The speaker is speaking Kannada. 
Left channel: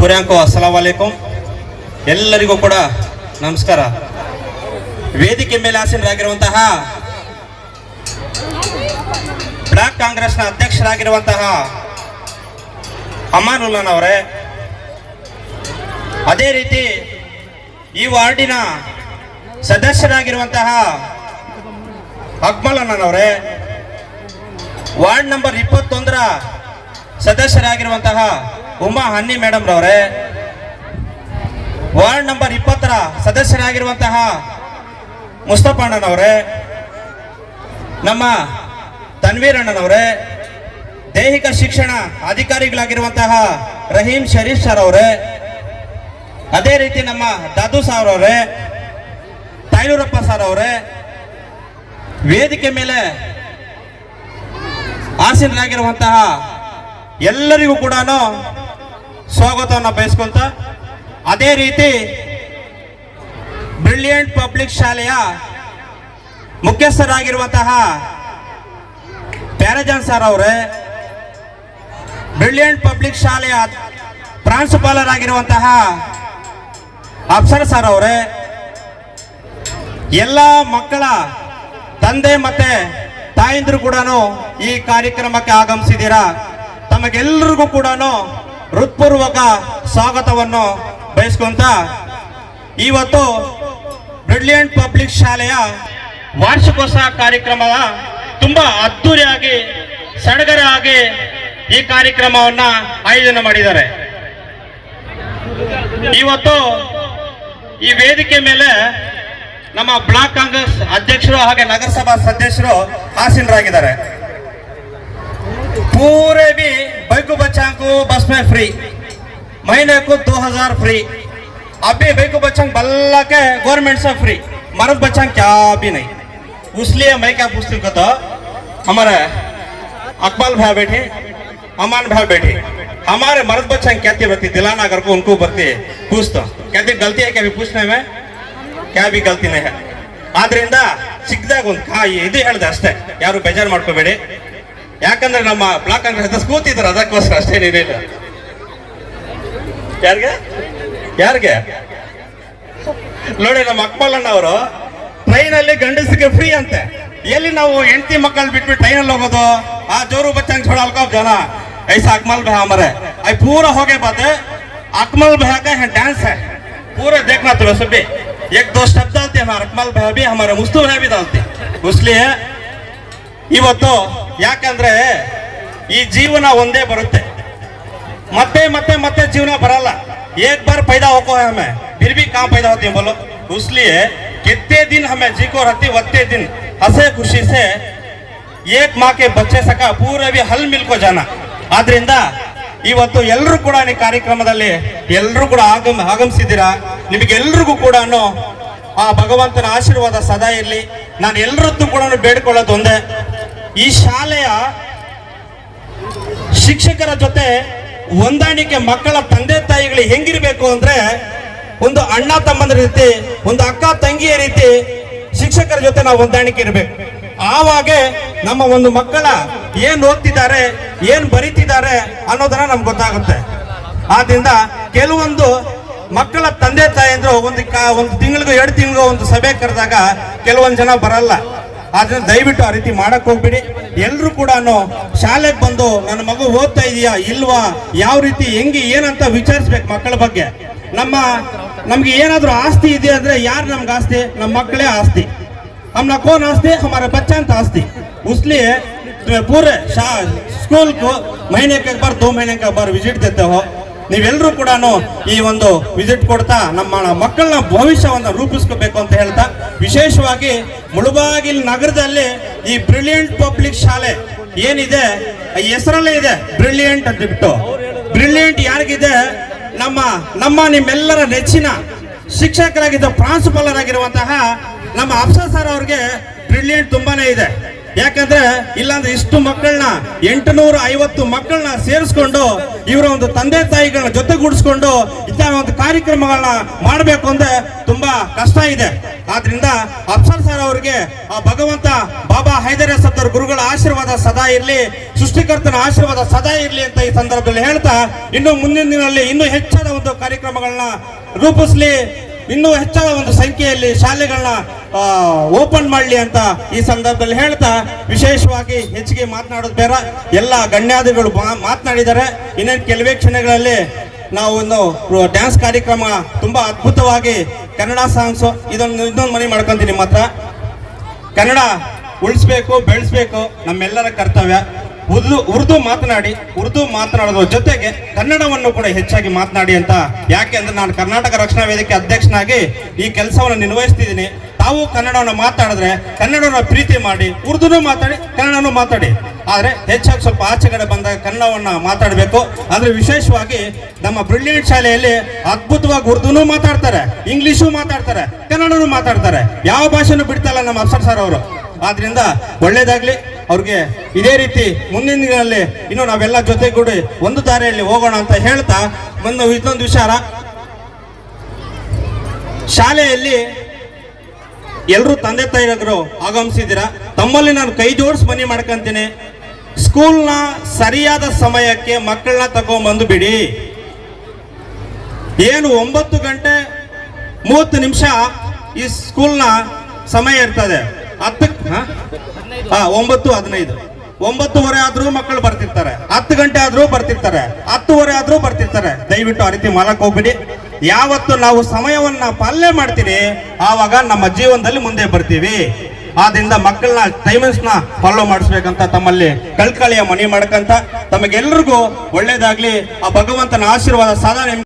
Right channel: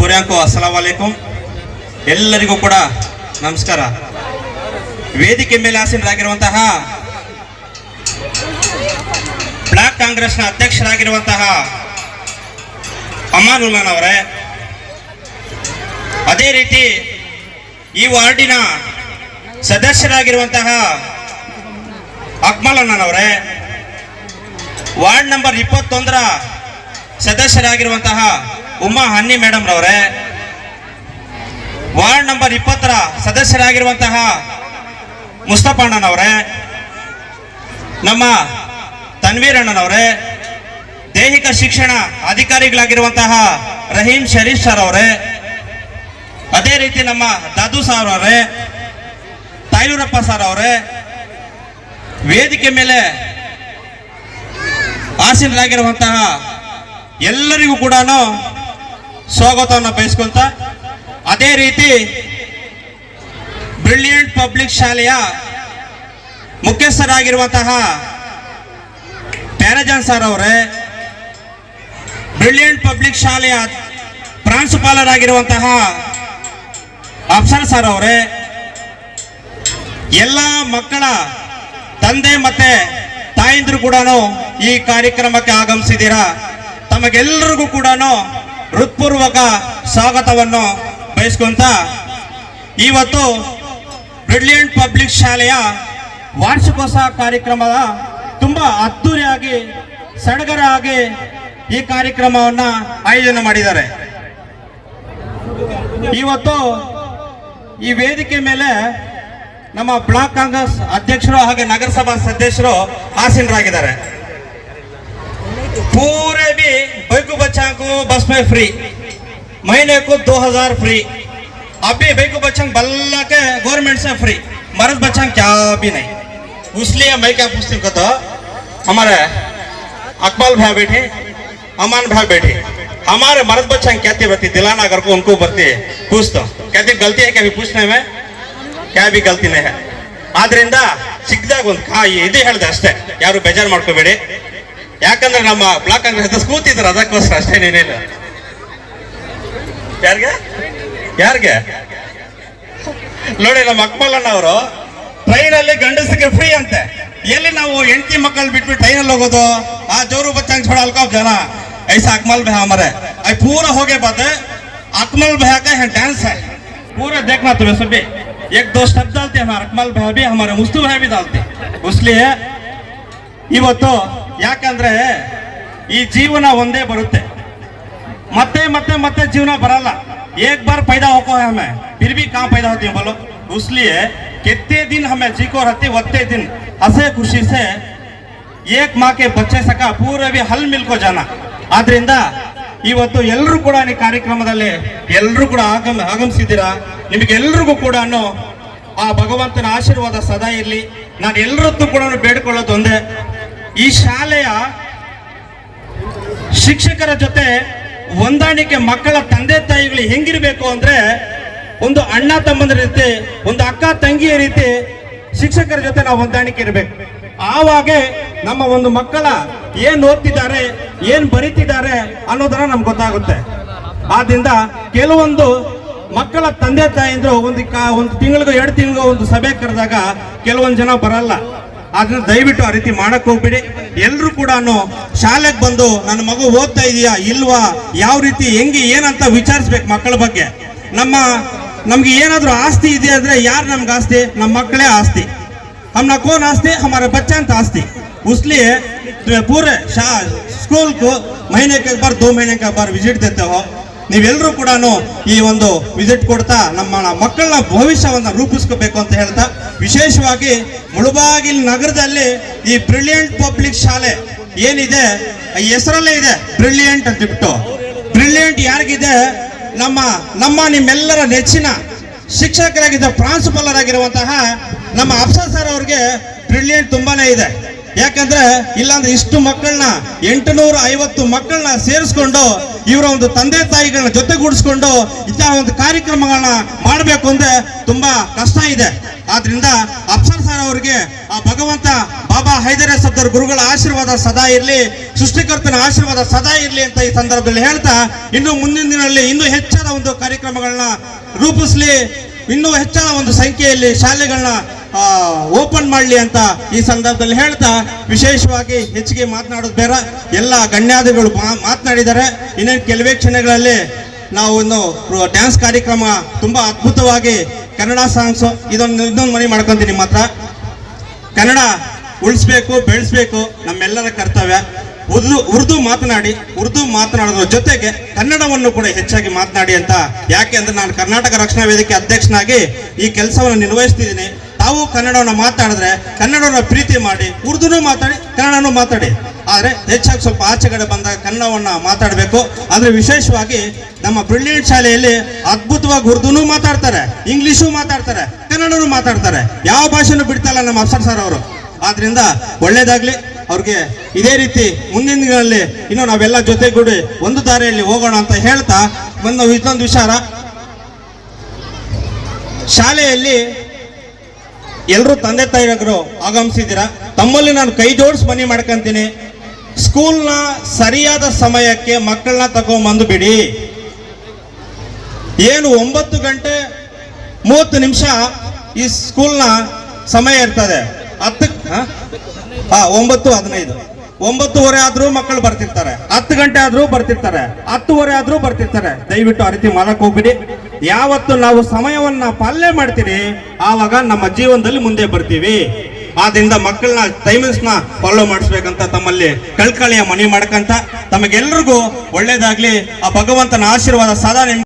ಪುರ್ಯಾಂಕೋ ಅಸ್ಸಲಾಂ ವಲೈಕುಂ ಎಲ್ಲರಿಗೂ ಕೂಡ ನಮಸ್ಕಾರ. ವೇದಿಕೆ ಮೇಲೆ ಆಸೀನರಾಗಿರುವಂತಹ ಬ್ಲಾಕ್ ಕಾಂಗ್ರೆಸ್ನ ಅಧ್ಯಕ್ಷರಾಗಿರುವಂತಹ ಅಮಾನುಲ್ಲನ್ ಅವರೇ, ಅದೇ ರೀತಿ ಈ ವಾರ್ಡಿನ ಸದಸ್ಯರಾಗಿರುವಂತಹ ಅಕ್ಮಲ್ ಅಣ್ಣನವರೇ ವಾರ್ಡ್ ನಂಬರ್ ಇಪ್ಪತ್ತೊಂದರ ಸದಸ್ಯರಾಗಿರುವಂತಹ ಉಮಾ ಹನ್ನಿ ಮೇಡಮ್ ರವರೇ ವಾರ್ಡ್ ನಂಬರ್ ಇಪ್ಪತ್ತರ ಸದಸ್ಯರಾಗಿರುವಂತಹ ಮುಸ್ತಫಣ್ಣನವರೇ ನಮ್ಮ ತನ್ವೀರ್ ಅಣ್ಣನವರೇ, ದೈಹಿಕ ಶಿಕ್ಷಣ ಅಧಿಕಾರಿಗಳಾಗಿರುವಂತಹ ರಹೀಂ ಶರೀಫ್ ಸರ್ ಅವರೇ, ಅದೇ ರೀತಿ ನಮ್ಮ ದಾದು ಸಾರ್ ಅವರೇ ತಾಯೂರಪ್ಪ ಸರ್ ಅವರೇ, ವೇದಿಕೆ ಮೇಲೆ ಆಸೀನರಾಗಿರುವಂತಹ ಎಲ್ಲರಿಗೂ ಕೂಡ ಸ್ವಾಗತವನ್ನು ಬಯಸ್ಕೊಂತ ಅದೇ ರೀತಿ ಬ್ರಿಲಿಯಂಟ್ ಪಬ್ಲಿಕ್ ಶಾಲೆಯ ಮುಖ್ಯಸ್ಥರಾಗಿರುವಂತಹ ಪ್ಯಾರಜಾನ್ ಸರ್ ಅವರೇ, ಬ್ರಿಲಿಯಂಟ್ ಪಬ್ಲಿಕ್ ಶಾಲೆಯ ಪ್ರಾಂಶುಪಾಲರಾಗಿರುವಂತಹ ಅಫ್ಸರ್ ಸರ್ ಅವರೇ, ಎಲ್ಲ ಮಕ್ಕಳ ತಂದೆ ಮತ್ತೆ ತಾಯಂದಿರು ಕೂಡ ಈ ಕಾರ್ಯಕ್ರಮಕ್ಕೆ ಆಗಮಿಸಿದ್ದೀರಾ? ತಮಗೆಲ್ಲರಿಗೂ ಕೂಡ ಹೃತ್ಪೂರ್ವಕ ಸ್ವಾಗತವನ್ನು ಬಯಸ್ಕೊಂತ ಇವತ್ತು ಬ್ರಿಲಿಯಂಟ್ ಪಬ್ಲಿಕ್ ಶಾಲೆಯ ವಾರ್ಷಿಕೋತ್ಸವ ಕಾರ್ಯಕ್ರಮದ ತುಂಬಾ ಅದ್ದೂರಿಯಾಗಿ ಸಡಗರ ಆಗಿ ಈ ಕಾರ್ಯಕ್ರಮವನ್ನ ಆಯೋಜನೆ ಮಾಡಿದ್ದಾರೆ. ಇವತ್ತು ಈ ವೇದಿಕೆ ಮೇಲೆ ನಮ್ಮ ಬ್ಲಾಕ್ ಕಾಂಗ್ರೆಸ್ ಅಧ್ಯಕ್ಷರು ಹಾಗೆ ನಗರಸಭಾ ಸದಸ್ಯರು ಆಸೀನರಾಗಿದ್ದಾರೆ पूरे भी बैकू बच्चा को बस में फ्री महीने को दो हजार फ्री अभी बैकू बच्चा बल्ला के गवर्नमेंट से फ्री मर्द बच्चा क्या भी नहीं इसलिए मैं क्या पूछती हूँ तो हमारे अकबाल भैया बैठे अमान भैया बैठे हमारे मर्द बच्चा क्या बरती दिलाना अगर को उनको बरती पूछ तो कहते गलती है क्या भी पूछने में ಕ್ಯಾ ಬಿ ಗಲ್ತಿನೇ ಆದ್ರಿಂದ ಸಿಕ್ಕಿದಾಗ ಒಂದು ಕಾಯಿ ಇದು ಹೇಳ್ದೆ ಅಷ್ಟೇ. ಯಾರು ಬೇಜಾರು ಮಾಡ್ಕೋಬೇಡಿ. ಯಾಕಂದ್ರೆ ನಮ್ಮ ಬ್ಲಾಕ್ ಕಾಂಗ್ರೆಸ್ ಕೂತಿದ್ದಾರೆ ಅದಕ್ಕೋಸ್ಕರ ಅಷ್ಟೇ ನೀನೇನು ಯಾರಿಗೆ? ಯಾರಿಗೆ? ನೋಡಿ ನಮ್ಮ ಅಕ್ಮಲ್ಲಣ್ಣ ಅವರು, ಟ್ರೈನಲ್ಲಿ ಗಂಡಸಿಗೆ ಫ್ರೀ ಅಂತೆ. ಎಲ್ಲಿ ನಾವು ಎಂಟಿ ಮಕ್ಕಳು ಬಿಟ್ಟು ಟ್ರೈನಲ್ಲಿ ಹೋಗೋದು? ಆ ಜೋರು ಬಚ್ಚಂಗ್ ಛೋಡಲ್ಕೋ ಜನ. ಐಸ ಅಕ್ಮಲ್ ಬಹ ಮರೆ ಐ ಪೂರ ಹೋಗೇ ಬಾತೆ. ಅಕ್ಮಲ್ ಬಹ ಡ್ಯಾನ್ಸ್ ಪೂರ ದೇಖ್ನಾ ತುಮೆ ಸುಬ್ಬಿ एक दो शब्द डालते हाँ रकमाल भाई भी हमारा मुस्तु भाई भी डालते इसलिए ಇವತ್ತು ಯಾಕಂದ್ರೆ ಈ ಜೀವನ ಒಂದೇ ಬರುತ್ತೆ ಮತ್ತೆ ಮತ್ತೆ ಮತ್ತೆ ಜೀವನ ಬರಲ್ಲ एक बार पैदा होको है हमें फिर भी काम पैदा होती है बोलो इसलिए कितने दिन हमें जी को रहती वत्ते दिन हसे खुशी से एक माँ के बच्चे सका पूरे भी हल मिल को जाना ಆದ್ರಿಂದ ಇವತ್ತು ಎಲ್ಲರೂ ಕೂಡ ಈ ಕಾರ್ಯಕ್ರಮದಲ್ಲಿ ಎಲ್ಲರೂ ಕೂಡ ಆಗಮ, ಆಗಮಿಸಿದ್ದೀರಾ? ನಿಮಗೆಲ್ರಿಗೂ ಕೂಡ ಆ ಭಗವಂತನ ಆಶೀರ್ವಾದ ಸದಾ ಇರಲಿ. ನಾನು ಎಲ್ಲರದ್ದು ಕೂಡ ಬೇಡ್ಕೊಳ್ಳೋದು ಒಂದೇ. ಈ ಶಾಲೆಯ ಶಿಕ್ಷಕರ ಜೊತೆ ಹೊಂದಾಣಿಕೆ ಮಕ್ಕಳ ತಂದೆ ತಾಯಿಗಳು ಹೆಂಗಿರಬೇಕು ಅಂದ್ರೆ ಒಂದು ಅಣ್ಣ ತಮ್ಮಂದ್ರ ರೀತಿ, ಒಂದು ಅಕ್ಕ ತಂಗಿಯ ರೀತಿ ಶಿಕ್ಷಕರ ಜೊತೆ ನಾವು ಹೊಂದಾಣಿಕೆ ಇರಬೇಕು. ಆವಾಗೆ ನಮ್ಮ ಒಂದು ಮಕ್ಕಳ ಏನ್ ಓದ್ತಿದ್ದಾರೆ, ಏನ್ ಬರೀತಿದ್ದಾರೆ ಅನ್ನೋದನ್ನ ನಮ್ಗೆ ಗೊತ್ತಾಗುತ್ತೆ. ಆದ್ರಿಂದ ಕೆಲವೊಂದು ಮಕ್ಕಳ ತಂದೆ ತಾಯಿಯಂದ್ರು ಒಂದು ಒಂದು ತಿಂಗಳಿಗೂ, ಎರಡು ತಿಂಗಳಿಗೂ ಒಂದು ಸಭೆ ಕರೆದಾಗ ಕೆಲವೊಂದು ಜನ ಬರಲ್ಲ. ಆದ್ರೆ ದಯವಿಟ್ಟು ಆ ರೀತಿ ಮಾಡಕ್ ಹೋಗ್ಬಿಡಿ. ಎಲ್ಲರೂ ಕೂಡ ಶಾಲೆಗೆ ಬಂದು, ನನ್ನ ಮಗು ಓದ್ತಾ ಇದೆಯಾ, ಇಲ್ವಾ? ಯಾವ ರೀತಿ, ಹೆಂಗೆ, ಏನಂತ ವಿಚಾರಿಸ್ಬೇಕು ಮಕ್ಕಳ ಬಗ್ಗೆ. ನಮ್ಮ, ನಮ್ಗೆ ಏನಾದ್ರೂ ಆಸ್ತಿ ಇದೆ ಅಂದ್ರೆ ಯಾರು ನಮ್ಗೆ ಆಸ್ತಿ? ನಮ್ಮ ಮಕ್ಕಳೇ ಆಸ್ತಿ. ಅಮ್ಮ ಕೋನ್ ಆಸ್ತಿ, ಹಮಾರ ಬಚ್ಚಾ ಅಂತ ಆಸ್ತಿ. ಉಸ್ಲಿ पूरे शा- स्कूल को महीने के एक बार दो महीने के बार ವಿಸಿಟ್ देते हो ನೀವೆಲ್ಲರೂ ಕೂಡ ಈ ಒಂದು ವಿಸಿಟ್ ಕೊಡ್ತಾ ನಮ್ಮ ಮಕ್ಕಳನ್ನ ಭವಿಷ್ಯವನ್ನು ರೂಪಿಸ್ಕೋಬೇಕು ಅಂತ ಹೇಳ್ತಾ ವಿಶೇಷವಾಗಿ ಮುಳುಬಾಗಿಲು ನಗರದಲ್ಲಿ ಈ ಬ್ರಿಲಿಯಂಟ್ ಪಬ್ಲಿಕ್ ಶಾಲೆ ಏನಿದೆ ಈ ಹೆಸರಲ್ಲೇ ಇದೆ ಬ್ರಿಲಿಯಂಟ್ ಅಂತ ಬಿಟ್ಟು ಬ್ರಿಲಿಯಂಟ್ ಯಾರಿಗಿದೆ ನಮ್ಮ ನಮ್ಮ ನಿಮ್ಮೆಲ್ಲರ ನೆಚ್ಚಿನ ಶಿಕ್ಷಕರಾಗಿದ್ದ ಪ್ರಾಂಶುಪಾಲರಾಗಿರುವಂತಹ ನಮ್ಮ ಅಫ್ಸರ್ ಸರ್ ಅವ್ರಿಗೆ ಬ್ರಿಲಿಯಂಟ್ ತುಂಬಾನೇ ಇದೆ ಯಾಕಂದ್ರೆ ಇಲ್ಲಾಂದ್ರೆ ಇಷ್ಟು ಮಕ್ಕಳನ್ನ ಎಂಟುನೂರ ಐವತ್ತು ಮಕ್ಕಳನ್ನ ಸೇರಿಸ್ಕೊಂಡು ಇವರ ಒಂದು ತಂದೆ ತಾಯಿಗಳನ್ನ ಜೊತೆಗೂಡಿಸ್ಕೊಂಡು ಇಂತಹ ಒಂದು ಕಾರ್ಯಕ್ರಮಗಳನ್ನ ಮಾಡಬೇಕು ಅಂದ್ರೆ ತುಂಬಾ ಕಷ್ಟ ಇದೆ. ಆದ್ರಿಂದ ಅಫ್ಸರ್ ಸರ್ ಅವರಿಗೆ ಆ ಭಗವಂತ ಬಾಬಾ ಹೈದರ ಸದ್ದರ್ ಗುರುಗಳ ಆಶೀರ್ವಾದ ಸದಾ ಇರಲಿ, ಸೃಷ್ಟಿಕರ್ತನ ಆಶೀರ್ವಾದ ಸದಾ ಇರಲಿ ಅಂತ ಈ ಸಂದರ್ಭದಲ್ಲಿ ಹೇಳ್ತಾ ಇನ್ನು ಮುಂದಿನ ದಿನದಲ್ಲಿ ಇನ್ನೂ ಹೆಚ್ಚಾದ ಒಂದು ಕಾರ್ಯಕ್ರಮಗಳನ್ನ ರೂಪಿಸಲಿ, ಇನ್ನೂ ಹೆಚ್ಚಾದ ಒಂದು ಸಂಖ್ಯೆಯಲ್ಲಿ ಶಾಲೆಗಳನ್ನ ಓಪನ್ ಮಾಡಲಿ ಅಂತ ಈ ಸಂದರ್ಭದಲ್ಲಿ ಹೇಳ್ತಾ, ವಿಶೇಷವಾಗಿ ಹೆಚ್ಚಿಗೆ ಮಾತನಾಡೋದು ಬೇಡ. ಎಲ್ಲ ಗಣ್ಯಾದಿಗಳು ಮಾತನಾಡಿದ್ದಾರೆ. ಇನ್ನೇನು ಕೆಲವೇ ಕ್ಷಣಗಳಲ್ಲಿ ನಾವು ಒಂದು ಡ್ಯಾನ್ಸ್ ಕಾರ್ಯಕ್ರಮ ತುಂಬಾ ಅದ್ಭುತವಾಗಿ ಕನ್ನಡ ಸಾಂಗ್ಸ್ ಇದೊಂದು ಇದೊಂದು ಮನೆ ಮಾಡ್ಕೊಂತೀನಿ ನಿಮ್ಮ ಹತ್ರ. ಕನ್ನಡ ಉಳಿಸ್ಬೇಕು, ಬೆಳೆಸ್ಬೇಕು ನಮ್ಮೆಲ್ಲರ ಕರ್ತವ್ಯ. ಉರ್ದು ಉರ್ದು ಮಾತನಾಡಿ, ಉರ್ದು ಮಾತನಾಡೋದ್ರ ಜೊತೆಗೆ ಕನ್ನಡವನ್ನು ಕೂಡ ಹೆಚ್ಚಾಗಿ ಮಾತನಾಡಿ ಅಂತ. ಯಾಕೆ ಅಂದ್ರೆ ನಾನು ಕರ್ನಾಟಕ ರಕ್ಷಣಾ ವೇದಿಕೆ ಅಧ್ಯಕ್ಷನಾಗಿ ಈ ಕೆಲಸವನ್ನು ನಿರ್ವಹಿಸ್ತಿದ್ದೀನಿ. ತಾವು ಕನ್ನಡವನ್ನು ಮಾತಾಡಿದ್ರೆ ಕನ್ನಡವನ್ನು ಪ್ರೀತಿ ಮಾಡಿ, ಉರ್ದುನೂ ಮಾತಾಡಿ, ಕನ್ನಡನೂ ಮಾತಾಡಿ. ಆದರೆ ಹೆಚ್ಚಾಗಿ ಸ್ವಲ್ಪ ಆಚೆಗಡೆ ಬಂದಾಗ ಕನ್ನಡವನ್ನು ಮಾತಾಡಬೇಕು. ಆದರೆ ವಿಶೇಷವಾಗಿ ನಮ್ಮ ಬ್ರಿಲಿಯಂಟ್ ಶಾಲೆಯಲ್ಲಿ ಅದ್ಭುತವಾಗಿ ಉರ್ದುನೂ ಮಾತಾಡ್ತಾರೆ ಇಂಗ್ಲೀಷೂ ಮಾತಾಡ್ತಾರೆ, ಕನ್ನಡನೂ ಮಾತಾಡ್ತಾರೆ. ಯಾವ ಭಾಷೆನೂ ಬಿಡ್ತಾಯಿಲ್ಲ ನಮ್ಮ ಅಫ್ಸರ್ ಸರ್ ಅವರು. ಆದ್ರಿಂದ ಒಳ್ಳೇದಾಗ್ಲಿ, ಅವ್ರಿಗೆ ಇದೇ ರೀತಿ ಮುಂದಿನ ದಿನಗಳಲ್ಲಿ ಇನ್ನು ನಾವೆಲ್ಲ ಜೊತೆಗೂಡಿ ಒಂದು ದಾರಿಯಲ್ಲಿ ಹೋಗೋಣ ಅಂತ ಹೇಳ್ತಾ ಮುಂದೆ ಇನ್ನೊಂದು ವಿಚಾರ. ಶಾಲೆಯಲ್ಲಿ ಎಲ್ಲರೂ ತಂದೆ ತಾಯಿಗಳು ಆಗಮಿಸಿದ್ದೀರಾ? ತಮ್ಮಲ್ಲಿ ನಾನು ಕೈ ಜೋಡಿಸಿ ಮನೆ ಮಾಡ್ಕೊಂತೀನಿ. ಸ್ಕೂಲ್ನ ಸರಿಯಾದ ಸಮಯಕ್ಕೆ ಮಕ್ಕಳನ್ನ ತಗೊಂಬಂದು ಬಿಡಿ. ಏನು ಒಂಬತ್ತು ಗಂಟೆ ಮೂವತ್ತು ನಿಮಿಷ ಈ ಸ್ಕೂಲ್ನ ಸಮಯ ಇರ್ತದೆ. ಹತ್ತು ಒಂಬತ್ತು ಹದಿನೈದು. ಒಂಬತ್ತುವರೆ ಆದ್ರೂ ಮಕ್ಕಳು ಬರ್ತಿರ್ತಾರೆ. ಹತ್ತು ಗಂಟೆ ಆದ್ರೂ ಬರ್ತಿರ್ತಾರೆ. ಹತ್ತುವರೆ ಆದ್ರೂ ಬರ್ತಿರ್ತಾರೆ. ದಯವಿಟ್ಟು ಆ ರೀತಿ ಮಾಡಕ್ ಹೋಗ್ಬಿಡಿ. ಯಾವತ್ತು ನಾವು ಸಮಯವನ್ನ ಪಾಲನೆ ಮಾಡ್ತೀರಿ, ಆವಾಗ ನಮ್ಮ ಜೀವನದಲ್ಲಿ ಮುಂದೆ ಬರ್ತೀವಿ. ಆದ್ರಿಂದ ಮಕ್ಕಳನ್ನ ಟೈಮಿಂಗ್ಸ್ನ ಫಾಲೋ ಮಾಡಿಸ್ಬೇಕಂತ ತಮ್ಮಲ್ಲಿ ಕಳ್ಕಳಿಯ ಮನವಿ ಮಾಡ್ಕಂತ ತಮಗೆಲ್ರಿಗೂ ಒಳ್ಳೇದಾಗ್ಲಿ. ಆ ಭಗವಂತನ ಆಶೀರ್ವಾದ ಸದಾ